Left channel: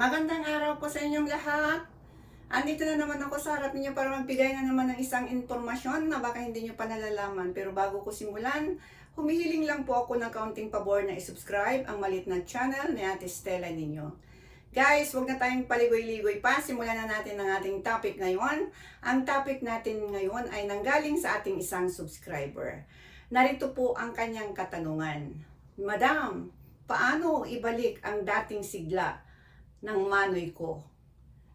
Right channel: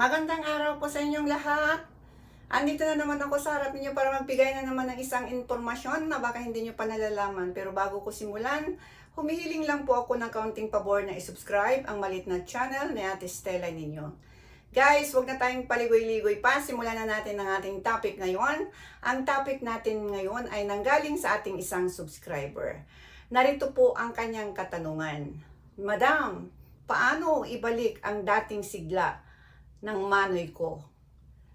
Magandang araw po sa inyong lahat. Andito na naman ako sa harap ninyo para magbigay na naman ng isang impormasyon na baka hindi nyo pa nalalaman. Pero bago ko simulan, humihiling lang po ako ng kaunting pabor na i-subscribe ang malit na channel ni Ate Stella ninyo. Guys, huwag na tayong paligoy-ligoy pa. Simulan na natin ang ating topic ngayon. Ang topic natin ngayon ay nanggaling sa ating isang subscriber. Narito po ang kanyang katanungan. Madam, paano ibalik ang dating sigla ng manoy ko?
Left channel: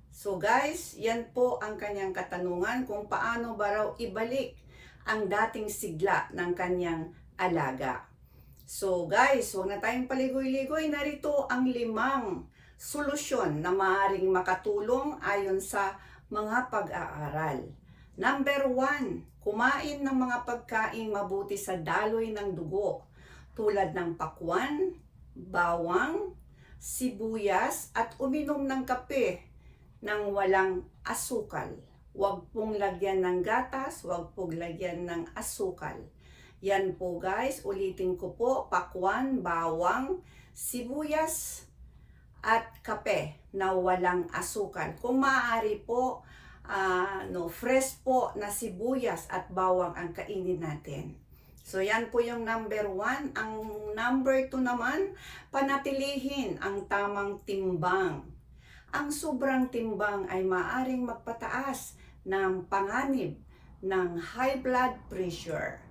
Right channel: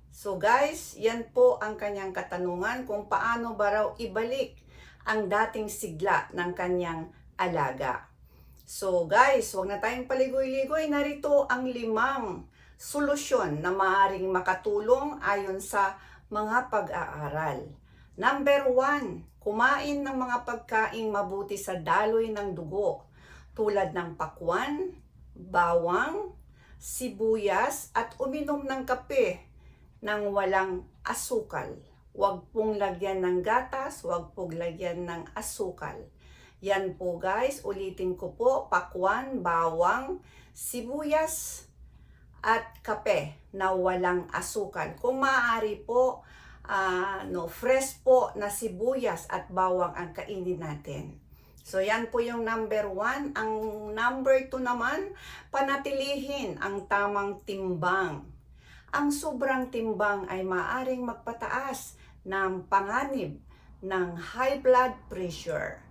So guys, yan po ang kanyang katanungan kung paano ba raw ibalik ang dating sigla ng kanyang alaga. So guys, huwag na tayong paligoy-ligoy. Narito ang 5 solusyon na maaaring makatulong ayon sa mga pag-aaral. Number 1, kumain ng mga pagkaing mabuti sa daloy ng dugo tulad ng pakwan, bawang, sibuyas at uminom ng kape ng walang asukal. Huwag pong lagyan ng gatas, huwag pong lagyan ng asukal. Yan po guys, ulitin ko po, pakwan, bawang, sibuyas at kape na walang asukal. Kung maaari po, fresh po na sibuyas at bawang ang kainin natin. So yan po yung number 1. Ang number 2 naman, panatilihin ang tamang timbang. Ang sobrang timbang ay maaaring magpataas ng panganib ng high blood pressure.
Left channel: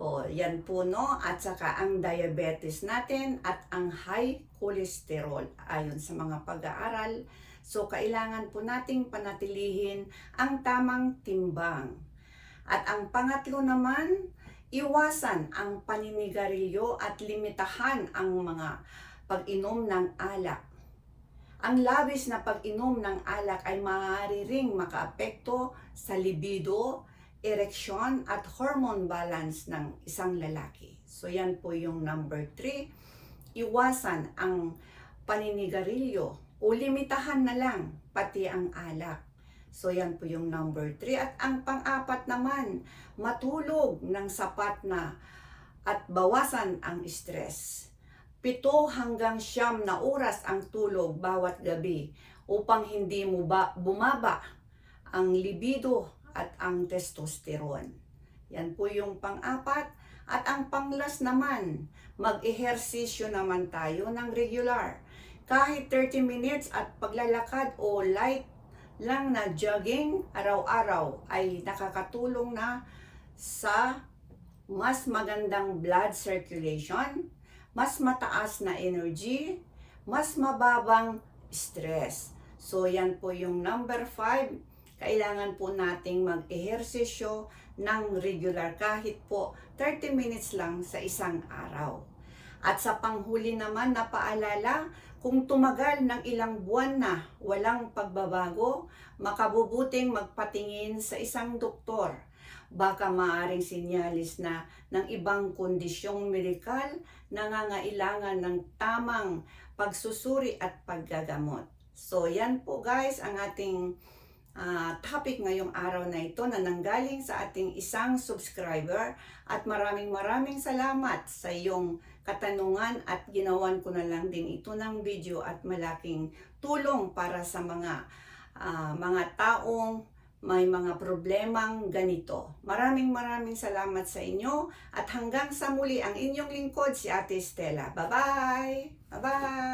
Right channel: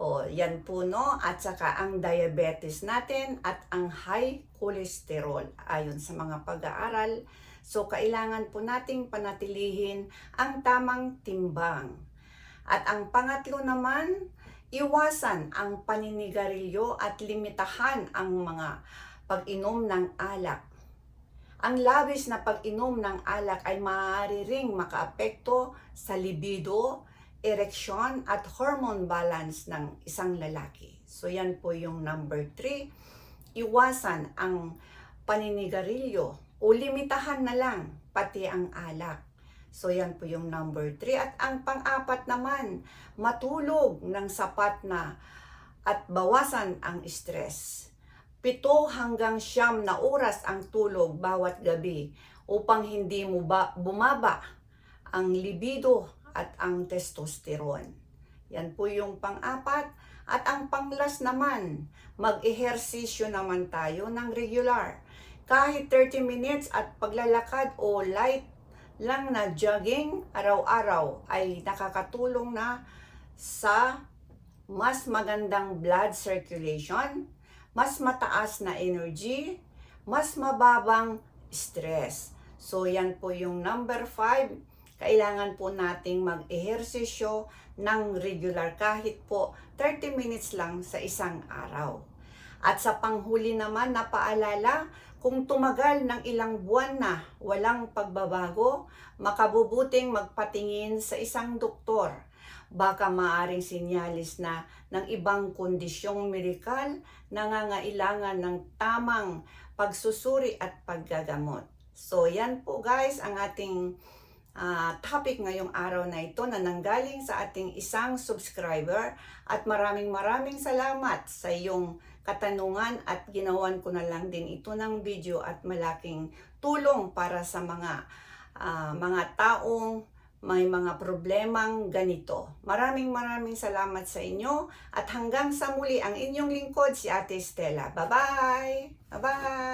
O yan po no, at saka ang diabetes natin at ang high cholesterol ayon sa mga pag-aaral. So kailangan po nating panatilihin ang tamang timbang. At ang pangatlo naman, iwasan ang paninigarilyo at limitahan ang mga pag-inom ng alak. Ang labis na pag-inom ng alak ay maaari ring makaapekto sa libido, ereksyon at hormone balance ng isang lalaki. So yan po yung number 3. Iwasan ang paninigarilyo o limitahan na lang pati ang alak. So yan po yung number 3. At ang pang-apat naman, matulog ng sapat na at bawasan ang stress. 7 hanggang 9 na oras ang tulog bawat gabi upang hindi mo bumaba ang libido at ang testosterone. Yan po yung pang-apat. At ang panglas naman, mag-ehersisyo naman tayo ng regular. Kahit 30 minutes at paglalakad o light lang na jogging araw-araw ay nakakatulong na sa mas magandang blood circulation, mas mataas na energy, mas mababang stress. So yan po yung number 5. Kailangan po nating mag-ehersisyo ng regular kahit po 30 minutes lang sa isang araw. At sa panghuli naman na paalala, kung tumagal ng ilang buwan na walang pagbabago, makabubuting magpatingin sa isang doktor. Baka maaring sinyalis na ng ibang kondisyong medikal nangangailangan ng tamang pagsusuri at paggagamot. So yan po guys ang ating topic ngayong araw na ito na nanggaling sa ating isang subscriber, at maraming salamat sa iyong katanungan at ginawan ko na lang din ito ng video at malaking tulong para sa mga taong may mga problemang ganito. Maraming salamat sa inyo at hanggang sa muli ang inyong lingkod si Ate Stella. Bye-bye! Bye-bye!